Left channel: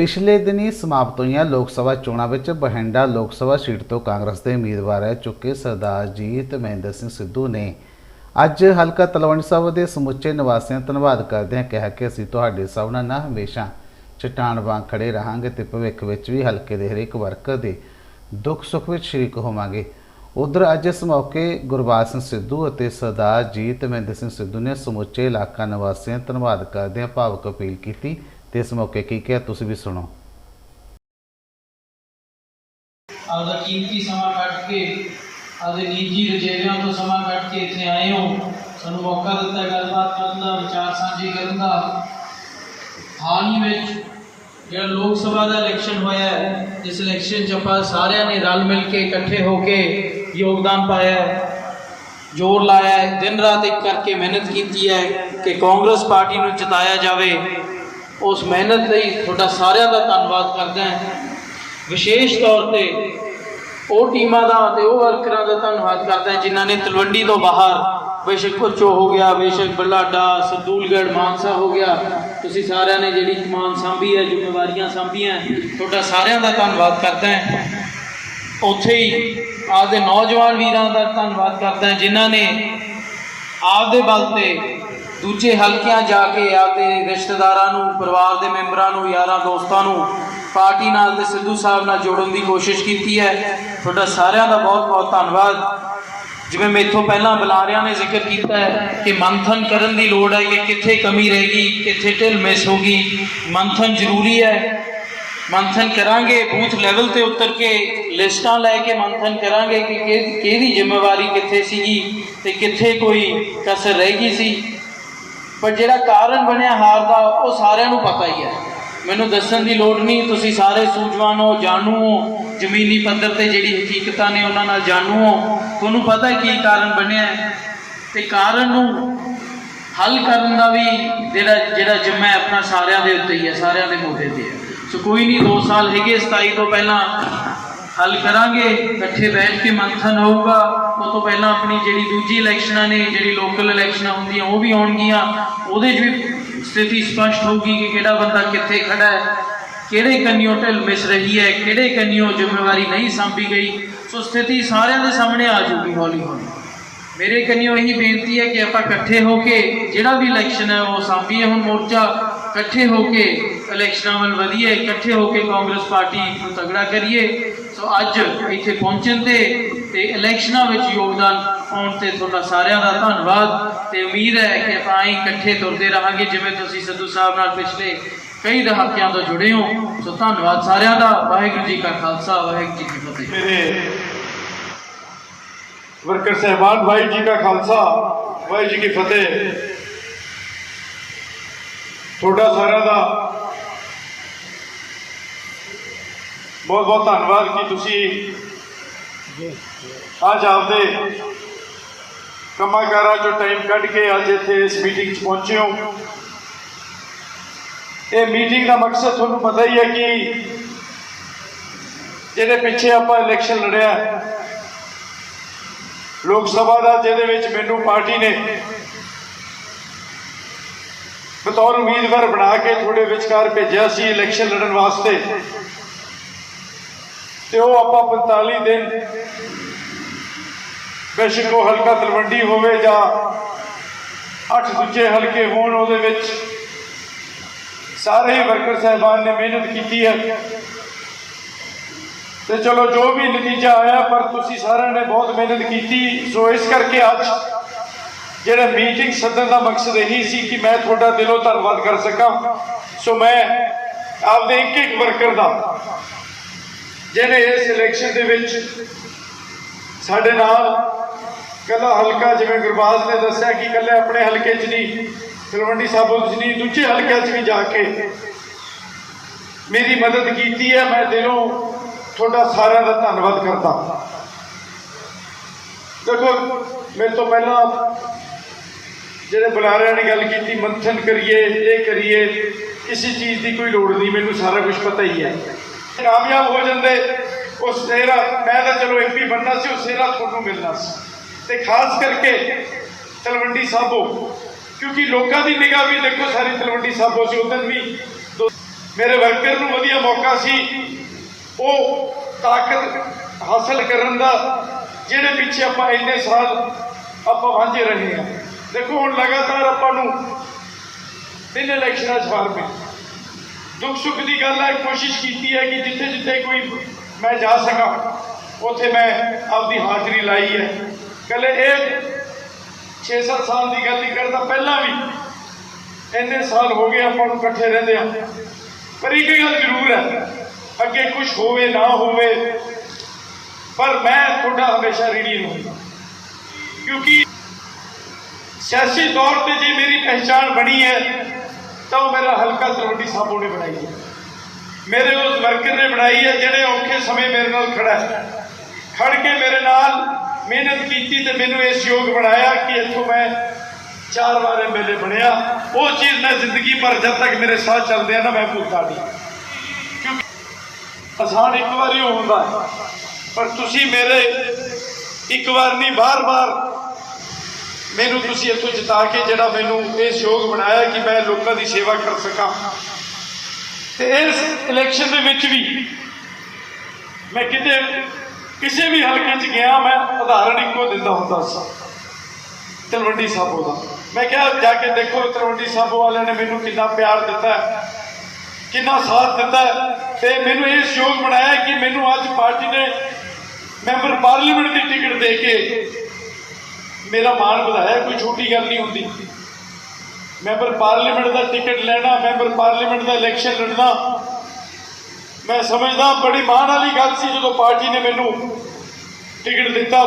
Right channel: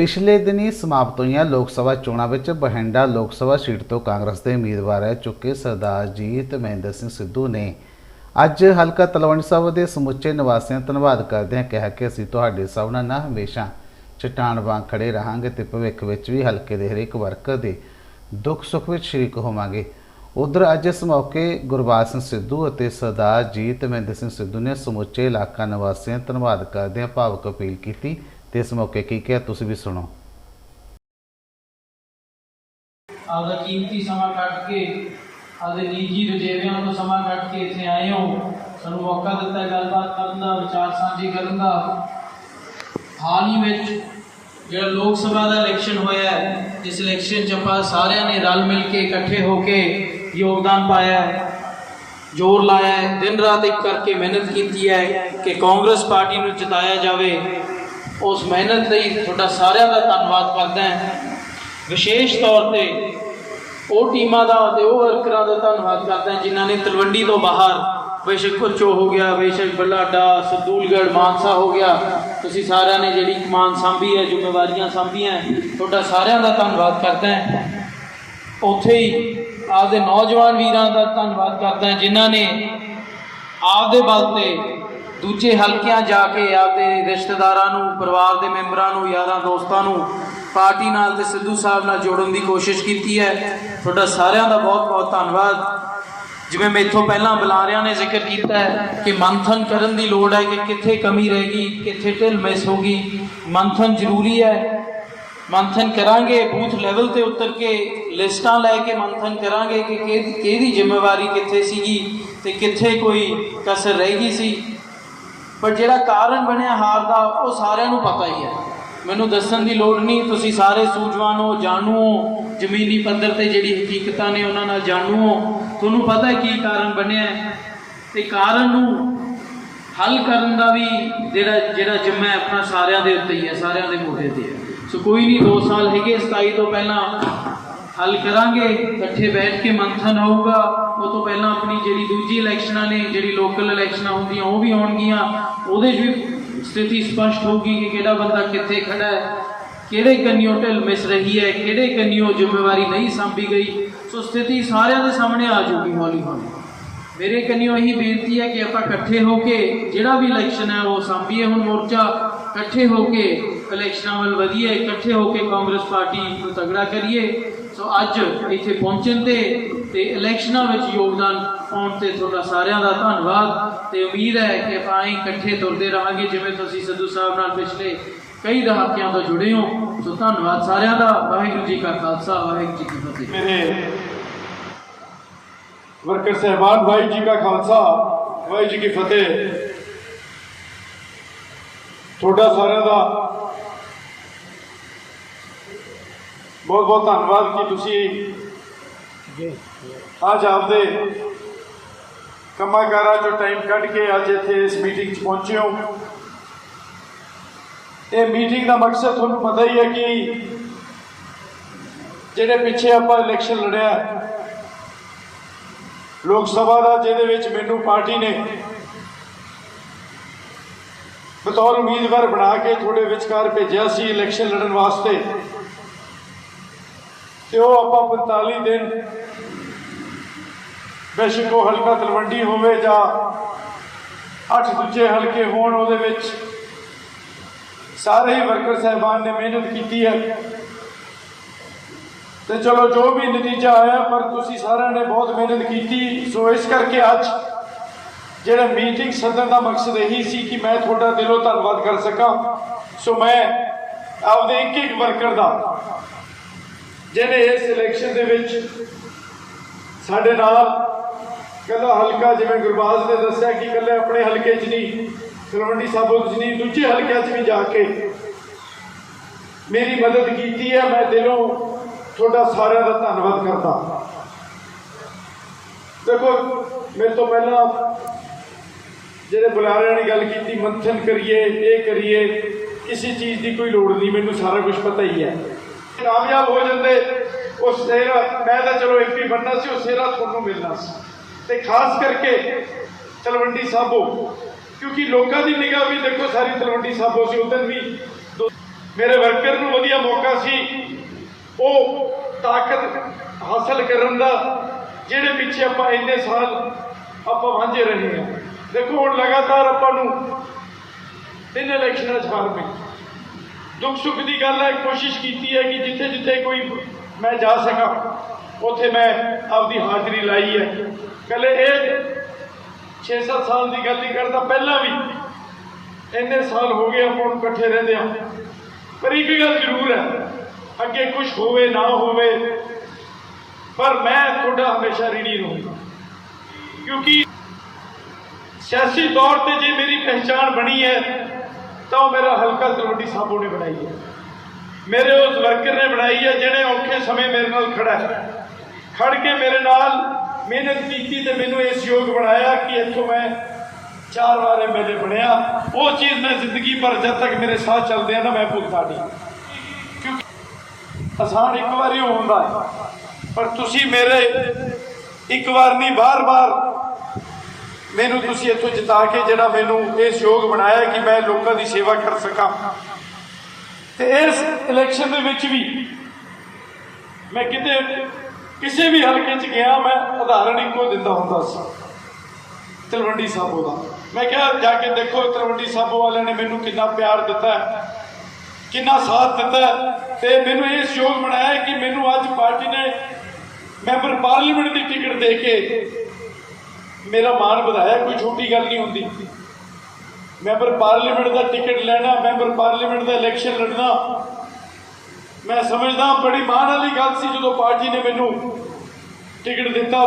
ਪਿਛਲੇ ਦਿਨੀ ਸਮਾਪਤ ਹੋਈਆਂ ਲੋਕ ਸਭਾ ਚੋਣਾਂ ਵਿੱਚ ਬਹਿੰਡਾ ਲੋਕ ਸਭਾ ਸੀਟ ਤੋਂ ਕਾਂਗਰਸ ਦੇ ਉਮੀਦਵਾਰ ਰਹਿ ਚੁੱਕੇ ਸਰਦਾਰ ਜੀਤ ਮਹਿੰਦਰ ਸਿੰਘ ਸਿੱਧੂ ਨੇ। ਅੱਜ ਹਲਕਾ ਤਲਵੰਡੀ ਸਾਹਿਬ ਦੇ ਸਮੁੱਚੇ ਨਿਵਾਸੀਆਂ ਦਾ ਧੰਨਵਾਦ ਕਰਦਿਆਂ ਕਿਹਾ ਕਿ ਅਸੀਂ ਤੁਹਾਡੇ ਸਭ ਨਾਲ ਨਾ ਹਮੇਸ਼ਾ ਚਟਾਨ ਵਾਂਗ ਖੜੇ ਰਹਾਂਗੇ ਤੇ ਭਵਿੱਖ ਵਿੱਚ ਵੀ ਹਲਕੇ ਦੇ ਹਰੇਕ ਵਰਕਰ ਦੇ ਦੁੱਖ ਸੁੱਖ ਵਿੱਚ ਸ਼ਰੀਕ ਹੋਵਾਂਗੇ। ਉਧਰ ਅੱਜ ਇਸ ਮੌਕੇ ਗੁਰਬਾਜ ਸਿੰਘ ਸਿੱਧੂ ਅਤੇ ਸਰਦਾਰ ਜੀਤ ਮਹਿੰਦਰ ਸਿੰਘ ਸਿੱਧੂ ਨੇ ਸਮੁੱਚੇ ਇਲਾਕਾ ਨਿਵਾਸੀਆਂ ਦਾ ਧੰਨਵਾਦ ਕਰਦਿਆਂ ਭਾਵਕ ਅਪੀਲ ਕੀਤੀ ਤੇ ਇਸ ਮੌਕੇ ਕੀ ਕਿਹਾ ਤੁਸੀਂ ਵੀ ਸੁਣੋ। ਆਪਦਾ ਕੀਮਤੀ ਸਮਾਂ ਕੱਢ ਕੇ, ਆਪਦੇ ਨਿੱਜੀ ਰਜੇਵਿਆਂ ਤੋਂ ਸਮਾਂ ਕੱਢ ਕੇ ਇੱਥੇ ਆਏ ਹੋ। ਸਾਨੂੰ ਮੌਕਾ ਦਿੱਤਾ ਗੱਲਬਾਤ ਕਰਨ ਦਾ, ਵਿਚਾਰ ਸਾਂਝੇ ਕਰਨ ਦਾ। ਹਾਲ ਹੀ ਵਿੱਚ ਜਿਹੜਾ ਲੋਕ ਸਭਾ ਦਾ ਇਲੈਕਸ਼ਨ ਹੋਇਆ ਹੈ, ਇਸ ਇਲੈਕਸ਼ਨ 'ਚ ਆਪਾਂ ਸਾਰਿਆਂ ਨੇ ਰਲ ਮਿਲ ਕੇ ਇਕੱਠੇ ਹੋ ਕੇ ਯੋਗਦਾਨ ਪਾਇਆ। ਹੈ ਜ਼ੋਰ ਲਾਇਆ ਹੈ। ਦਿਨ ਰਾਤ ਇੱਕ ਕਰਕੇ ਮਿਹਨਤ ਕੀਤੀ ਹੈ ਕਿ ਕਾਂਗਰਸ ਪਾਰਟੀ ਨੂੰ ਜਿਤਾਇਆ ਜਾਵੇ। ਉਸ ਮਿਹਨਤ ਲਈ ਤੁਹਾਡਾ ਸਾਰਿਆਂ ਦਾ ਧੰਨਵਾਦ ਕਰਦਾ ਹਾਂ। ਵਿਸ਼ੇਸ਼ ਤੌਰ ਤੇ ਉਹ ਟੀਮਾਂ ਦਾ ਤੇ ਉਹ ਵਰਕਰਾਂ ਦਾ ਧੰਨਵਾਦ ਕਰਦਾ ਜਿਨ੍ਹਾਂ ਨੇ ਤਲਵੰਡੀ ਤੋਂ ਬਾਹਰ ਬੇਸ਼ੱਕ ਕੁਚੋ ਹੋ ਗਿਆ, ਬੇਸ਼ੱਕ ਬਲਾਡਾ, ਸਦੂਲਗੜ੍ਹ, ਮਾਨਸਾ ਹੋ ਗਿਆ। ਤੁਸੀਂ ਸਾਰਿਆਂ ਨੇ ਜਿਹੜੀ ਕਮਾਨ ਸੰਭੀ ਹੈ, ਜ਼ਿੰਮੇਵਾਰੀਆਂ ਸੰਭੀਆਂ ਤੁਹਾਡਾ ਸਾਰਿਆਂ ਦਾ ਧੰਨਵਾਦ ਕਰਦਾ ਹਾਂ। ਉੱਥੇ ਹੀ ਆਪਦੇ ਨੌਜਵਾਨ ਵੀਰਾਂ ਦਾ ਧੰਨਵਾਦ ਕਰਦਾ ਜਿਨ੍ਹਾਂ ਨੇ ਆਪਦੇ ਬਲ ਤੇ ਦੂਜੇ ਹਲਕਿਆਂ ਜਾ ਕੇ ਆਪਦੇ ਰਿਸ਼ਤੇਦਾਰਾਂ ਨੂੰ, ਪਰਿਵਾਰ ਦੇ ਮੈਂਬਰਾਂ ਨੂੰ, ਯਾਰਾਂ ਦੋਸਤਾਂ ਨੂੰ ਪਾਰਟੀ ਨਾਲ ਤੇ ਸਿੱਧੂ ਸਾਹਿਬ ਨਾਲ ਜੋੜਨ ਦੀ ਕੋਸ਼ਿਸ਼ ਕੀਤੀ ਹੈ। ਤੁਹਾਡਾ ਸਾਰਿਆਂ ਦਾ ਬਹੁਤ ਬਹੁਤ ਧੰਨਵਾਦ। ਜਿਵੇਂ ਮੇਥੋਂ ਪਹਿਲਾਂ ਬੁਲਾਰਿਆਂ ਨੇ ਜ਼ਿਕਰ ਕੀਤਾ ਹੈ ਕਿ ਮੰਥਨ ਕਰਨ ਦੀ ਲੋੜ ਹੈ ਕਿ ਕਿੱਥੇ ਕਮੀ ਰਹੇਗੀ ਕਿੱਥੇ ਢਿੱਲ ਮਿਸ ਹੋ ਗਈ। ਮੰਥਨ ਜ਼ਰੂਰੀ ਹੈ। ਮੰਥਨ ਕਰਾਂਗੇ, ਬੂਥ ਲੈਵਲ ਤੇ ਉਤਰ ਕੇ ਲਿਸਟਾਂ ਲੈ ਕੇ ਮੰਥਨ ਕਰਾਂਗੇ ਕਿ ਕਿਹ- ਕਿਹਦੀ ਜ਼ਿੰਮੇਵਾਰੀ ਕਿੱਥੇ ਸੀਗੀ ਤੇ ਕਿੱਥੇ ਕੋਈ ਕਸਰ ਰਹਿ ਗਈ ਸੀ। ਪਰ ਜਿਹੜਾ ਕਾਰਨ ਬਣਿਆ ਹਾਰ ਦਾ, ਉਹ ਸਾਰਿਆਂ ਨੂੰ ਪਤਾ ਹੀ ਹੈ। ਮੈਨੂੰ ਦੱਸਣ ਦੀ ਲੋੜ ਨਹੀਂ, ਤੁਸੀਂ ਸਾਰੇ ਸੂਝਵਾਨ ਹੋ, ਜਾਣੂ ਹੋ, ਜ਼ਮੀਨੀ ਪੱਧਰ ਤੇ ਜਿਹੜੀ ਹਕੀਕਤਾਂ ਨੇ ਉਹਨਾਂ ਨਾਲ ਜਾਣੂ ਹੋ। ਤੁਹਾਨੂੰ ਪਤਾ ਕੀ ਕਾਰਨ ਬਣਿਆ ਹੈ। ਤੇ ਕਾਰਨ ਨੂੰ ਹੱਲ ਕਰਨ ਦਾ ਵੀ ਜਿਹੜਾ ਜਿਹੜਾ ਜਿੰਮਾ ਆਪਣਾ ਸਾਰਿਆਂ ਦੇ ਉੱਤੇ ਹੀ ਹੈ, ਸਾਰਿਆਂ ਦੇ ਮੋਢੇ ਤੇ ਹੈ। ਸੋ ਕੋਈ ਨਹੀਂ 2 ਸਾਲ ਹੈਗੇ 27 ਤੋਂ ਪਹਿਲਾਂ ਹੱਲ ਕਰਾਂਗੇ। ਇਕੱਠੇ ਬੈਠ ਕੇ ਮੰਥਨ ਹੋਊਗਾ। ਉਹ ਤੋਂ ਪਹਿਲਾਂ ਆਪਣੀ ਜਿਹੜੀ ਦੂਜੀ ਇਲੈਕਸ਼ਨਾਂ ਨੇ, ਜਿਹੜੀ ਲੋਕਲ ਇਲੈਕਸ਼ਨਾਂ ਹੁੰਦੀਆਂ, ਉਹ ਵੀ ਹੋਣਗੀਆਂ ਉਹਦੇ 'ਚ ਵੀ ਸਥਿਤੀ ਸਪਸ਼ਟ ਹੋਊਗੀ ਕਿ ਕਿਹੜਾ ਬੰਦਾ ਕਿੱਥੇ ਖੜਾ ਹੈ, ਕਿਹੜੇ ਕੰਨਿਓ ਢਿੱਲ ਮਿਸ ਰਹੀ ਹੈ, ਕਿਹੜੇ ਕੰਨਿਓ ਜ਼ਿੰਮੇਵਾਰੀ ਨਹੀਂ ਸੰਭੀ ਗਈ। ਸੋ ਸਥਿਤੀ ਸਾਰਿਆਂ ਦੇ ਸਾਹਮਣੇ ਆ ਜਾਊਗੀ, ਹੌਲੀ ਹੌਲੀ। ਮੇਰੇ ਕੰਨਿਓ ਇਹੀ ਬੇਨਤੀ ਹੈ ਕਿ ਆਪਾਂ ਇਕੱਠੇ ਹੋ ਕੇ ਜਿਹੜਾ ਵੀ ਇਲੈਕਸ਼ਨ ਹੈ, ਉਹ ਸਾਂਭੀਏ ਹੁਣ ਮੋਰਚਾ। ਇਕੱਠੇ ਹੋ ਕੇ ਇਲੈਕਸ਼ਨਾਂ ਵੱਲ ਵਧੀਏ, ਇਕੱਠੇ ਹੋ ਕੇ ਕਾਂਗਰਸ ਪਾਰਟੀ ਨੂੰ ਤਗੜਾ ਕਰੀਏ। ਸੋ ਅੱਜ ਇੱਥੇ ਪਹੁੰਚਣ ਤੇ ਤੇ ਇਲੈਕਸ਼ਨਾਂ ਵਿੱਚ ਯੋਗਦਾਨ ਪਾਉਣ ਤੇ ਤੁਹਾਡਾ ਸਾਰਿਆਂ ਦਾ ਧੰਨਵਾਦ ਤੇ ਉਮੀਦ ਹੈ ਕਿ ਆਪਾਂ ਹੀ ਇਕੱਠੇ ਤੁਰਦੇ ਰਹਾਂਗੇ, ਜਿਵੇਂ ਤੁਸੀਂ ਸਿੱਧੂ ਸਾਹਿਬ ਨਾਲ ਪਿਛਲੇ ਕਈ ਦਹਾਕਿਆਂ ਤੋਂ ਜੁੜੇ ਹੋ। ਸੋ ਧੰਨਵਾਦ ਸਾਰਿਆਂ ਦਾ। ਵਾਹਿਗੁਰੂ ਜੀ ਕਾ ਖਾਲਸਾ, ਵਾਹਿਗੁਰੂ ਜੀ ਕੀ ਫਤਿਹ। ਮੇਰੇ ਵਰਕਰ ਸਹਿਬਾਨ, ਵਾਹਿਗੁਰੂ ਜੀ ਕਾ ਖਾਲਸਾ, ਵਾਹਿਗੁਰੂ ਜੀ ਕੀ ਫਤਿਹ। ਤੁਹਾਡਾ ਸਾਰਿਆਂ ਦਾ ਬਹੁਤ ਬਹੁਤ ਧੰਨਵਾਦ ਕਿ ਤੁਸੀਂ ਅੱਜ ਆਪਦੇ ਕੰਮਾਂ ਕਾਰਾਂ ਚੋਂ ਟਾਈਮ ਕੱਢ ਕੇ ਅੱਜ ਇੱਥੇ ਇਸ ਮੀਟਿੰਗ 'ਚ ਪਹੁੰਚੇ ਹੋ। ਇਹ ਮੀਟਿੰਗ ਦਾ ਮਕਸਦ ਤੁਹਾਨੂੰ ਪਤਾ ਹੀ ਹੈ ਕਿ ਜਿਹਦੇ ਪਿੱਛੇ ਆਪਾਂ ਇਲੈਕਸ਼ਨ ਲੜਿਆ, ਲੋਕ ਸਭਾ ਦਾ ਜਿਹਦੇ ਵਿੱਚ ਮੈਨੂੰ ਪਾਰਟੀ ਨੇ ਬਤੌਰ ਉਮੀਦਵਾਰ ਬਣਾ ਕੇ ਤੁਹਾਡੇ ਵਿਚਕਾਰ ਭੇਜਿਆ ਸੀ ਇਲੈਕਸ਼ਨ ਲੜਨ ਵਾਸਤੇ, ਤੇ ਉਹ ਆਪਾਂ 45 ਦਿਨ ਬੇਸ਼ੱਕ ਉਹ ਹਲਕਾ ਤਲਵੰਡੀ ਹੋਵੇ ਜਾਂ ਅੱਠ ਦੂਜੇ ਹਲਕੇ ਹੋਣ ਉਹਦੇ ਵਿੱਚ, ਸਾਰੇ ਹੀ ਵਰਕਰ ਸਹਿਬਾਨ ਨੇ ਮਿਹਨਤ ਕੀਤੀ ਹੈ। ਤੇ ਚਲੋ, ਜੋ ਵੀ ਨਤੀਜਾ ਆਇਆ, ਪਰ ਤੁਸੀਂ ਸਾਰਿਆਂ ਨੇ ਬਹੁਤ ਮਿਹਨਤ ਕੀਤੀ। ਸੋ ਇਸ ਕਰਕੇ ਅੱਜ ਜਿਹੜਾ ਮੀਟਿੰਗ ਸੱਦਣ ਦਾ ਮਕਸਦ ਇਹੀ ਸੀ ਕਿ ਮੈਂ ਤੁਹਾਡਾ ਦਿਲੋਂ ਧੰਨਵਾਦ ਕਰ ਸਕਾਂ। ਸੋ ਮੈਂ ਆਪਦੇ ਇੱਕ ਇੱਕ ਵਰਕਰ ਦਾ, ਜਿਹਨੇ ਇਸ ਇਲੈਕਸ਼ਨ ਦੇ ਵਿੱਚ ਸਾਡੇ ਨਾਲ ਕੱਲਾ ਹਲਕਾ ਜਿਵੇਂ ਗੁਰਬਾਜ਼ ਨੇ ਦੱਸਿਆ ਕਿ ਕੱਲੇ ਆਪਣੇ ਹਲਕੇ 'ਚ ਨਹੀਂ, ਤਲਵੰਡੀ ਸਾਬੋ 'ਚ ਨਹੀਂ, ਦੂਜੇ ਹਲਕਿਆਂ 'ਚ ਵੀ ਜਾ ਕੇ ਮੇਰੀ ਮਦਦ ਕੀਤੀ ਹੈ, ਮੈਂ ਦਿਲੋਂ ਤੁਹਾਡਾ ਸਾਰਿਆਂ ਦਾ ਧੰਨਵਾਦ ਕਰਦਾ। ਦੇਖੋ, ਮੇਰੇ ਤੋਂ ਪਹਿਲਾਂ ਜਿਹੜੇ ਬੁਲਾਰਿਆਂ ਨੇ ਗੱਲ ਕੀਤੀ, ਮੰਥਨ ਕਰੀਏ, ਇਹ ਕਰੀਏ, ਕਿਸੇ ਚੀਜ਼ ਦੀ ਕੋਈ ਲੋੜ ਨਹੀਂ, ਮੈਨੂੰ ਸਾਰਾ ਕੁਝ ਪਤਾ ਹੀ ਹੈ। ਕਾਮਯਾਬ ਹੋ ਜਾਂਦੇ ਉਹ ਸੇਰਾ, ਮੈਂ ਤਾਂ ਚਲੋ ਐਮਪੀ ਬਣਨਾ ਸੀ, ਉਹ ਸੇਰਾ ਤੁਹਾਨੂੰ ਮਿਲਣਾ ਸੀ। ਤੇ ਖਾਸ ਕਰਕੇ ਤਲਵੰਡੀ ਸਾਬੋ, ਕਿਉਂਕਿ ਲੋਕਾਂ ਦੀ ਨਿਗਾਹ ਵੀ ਦੇਖੋ ਸਾਰੀ ਤਲਵੰਡੀ ਸਾਬੋ ਸੀ ਉਦੋਂ ਵੀ ਮੇਰੇ ਵਰਕਰ ਨੂੰ ਵਧੀਆ ਮੌਕਾ ਸੀ, ਉਹ ਤਾਕਤ ਹਾਸਲ ਕਰਨ ਦਾ, ਜਿਹੜੇ ਪਿੱਛੇ ਆਪਾਂ ਇੰਨੇ ਸਾਲ ਆਪਾਂ ਵਾਂਝੇ ਰਹੇ ਹਾਂ। ਦੇਖੋ ਹੁਣ ਲਗਾਤਾਰ ਆਪਾਂ ਨੂੰ ਤਿੰਨ ਇਲੈਕਸ਼ਨਾਂ 'ਚ ਫ਼ਰਕ ਹੈ। ਦੁੱਖ ਸੁੱਖ ਦੀ ਗੱਲ ਹੈ, ਕੋਸ਼ਿਸ਼ ਕੀਤੀ ਹੈ ਕਿ ਜਿੱਥੇ ਜਿੱਥੇ ਕੋਈ ਮੈਂ ਜਾ ਸਕਾਂ, ਉੱਥੇ ਮੈਂ ਆਪਦੀ ਹਾਜ਼ਰੀ ਲਾਈ ਹੈ। ਕੱਲੇ ਇਹ 6-7 ਸਾਲ ਦੀ ਗੱਲ ਨਹੀਂ ਕਰਦਾ ਪਹਿਲਾਂ ਵੀ ਇੰਨੇ ਸਾਲ ਹੋ ਗਏ ਆਪਾਂ ਇਕੱਠੇ ਰਹਿੰਦੇ ਆ। ਪਰ ਇੱਕ ਗੱਲ ਜ਼ਰੂਰ ਹੈ, ਅੱਗੇ ਕੁਝ ਹੋਵੇ, ਨਾ ਹੋਵੇ, ਪਰ ਮੈਂ ਤੁਹਾਡਾ ਹਮੇਸ਼ਾ ਰੀੜੀ ਰਹੂੰਗਾ। ਕਿਉਂਕਿ ਸਿਆਸੀ ਤੌਰ ਤੇ ਜੇ ਮੇਰੀ ਪਹਿਚਾਣ ਬਣੀ ਹੈ, ਤਾਂ ਉਹ ਮੇਰਾ ਹਲਕਾ ਤਲਵੰਡੀ ਸਾਬੋ ਨੇ ਬਣਾਈ ਹੈ। ਮੇਰੇ ਉਸ ਵਰਕਰ ਨੇ ਬਣਾਈ ਹੈ, ਜਿਹੜੇ ਔਖੇ ਸਮੇਂ ਮੇਰੇ ਨਾਲ ਖੜਾ ਹੈ। ਖੜ ਕੇ ਮੇਰੇ ਨਾਲ ਮਿਹਨਤ ਕੀਤੀ ਤੇ ਮੈਨੂੰ ਇਸ ਯੋਗ ਬਣਾਇਆ ਕਿ ਇੱਥੋਂ ਮੈਂ ਚਾਰ ਵਾਰ ਐਮਐਲਏ ਬਣਿਆ। ਉਹ ਚੀਜ਼ ਮੈਂ ਜ਼ਿੰਦਗੀ ਭਰ ਜਦ ਤੱਕ ਮੇਰੇ ਸਾਹ ਚੱਲਦੇ ਆ ਨਾ ਮੈਂ ਭੁੱਲਦਾ ਨਹੀਂ। ਕਿਉਂਕਿ ਆਸਾਨ ਇੱਕ ਵਾਰੀ ਹੋ ਹੁੰਦਾ ਪਰ ਤੁਸੀਂ ਮੇਰੇ ਇੱਕ ਵਾਰ ਨਹੀਂ, ਬਾਰ-ਬਾਰ ਮੈਨੂੰ ਤੁਸੀਂ ਇੱਥੋਂ ਜਿਤਾ ਕੇ ਜਿਹੜਾ ਮੈਨੂੰ ਇਸ ਯੋਗ ਬਣਾਇਆ ਕਿ ਮੈਂ ਲੋਕਾਂ ਦੀ ਸੇਵਾ ਕਰ ਸਕਾਂ। ਤੇ ਇਸ ਇਲੈਕਸ਼ਨ ਦੇ ਵਿੱਚ ਵੀ ਮੈਂ ਕਿਤੇ ਕਿਸੇ ਵੀ ਹਲਕੇ 'ਚ ਗਿਆ, ਮੈਂ ਉਦਾਹਰਣ ਇੱਕੋ ਦਿੰਦਾ ਹੁੰਦਾ ਸੀ। ਤਲਵੰਡੀ ਸਾਬੋ ਦਾ। ਮੈਂ ਕਿਹਾ, ਜਾ ਕੇ ਦੇਖੋ, ਤਲਵੰਡੀ ਸਾਬੋ ਵਾਲਿਆਂ ਨੇ ਮੈਨੂੰ ਕਿੰਨਾ ਪਿਆਰ ਦਿੱਤਾ ਕਿੰਨਾ ਸਾਥ ਦਿੱਤਾ ਹੈ ਤੇ ਮੈਨੂੰ ਇਹ ਯੋਗ ਬਣਾਇਆ ਕਿ ਮੈਨੂੰ ਅੱਜ ਪਾਰਟੀ ਨੇ ਮੈਂਬਰ ਪਾਰਲੀਮੈਂਟ ਦੀ ਟਿਕਟ ਦੇ ਕੇ ਮੇਰਾ ਮਾਣ ਵਧਾਇਆ, ਕੋਈ ਛੋਟੀ ਗੱਲ ਨਹੀਂ ਹੁੰਦੀ। ਮੈਂਬਰ ਪਾਰਲੀਮੈਂਟ ਦਾ ਟਿਕਟ ਲੈਣਾ, ਮੈਂਬਰ ਪਾਰਲੀਮੈਂਟ ਦਾ ਇਲੈਕਸ਼ਨ ਲੜਨਾ ਮੈਂ ਸਮਝਦਾ ਬੜੀ ਮਾਣ ਵਾਲੀ ਗੱਲ ਸੀ ਜਦੋਂ ਪਾਰਟੀ ਨੇ ਮੈਨੂੰ ਟਿਕਟ ਦਿੱਤਾ।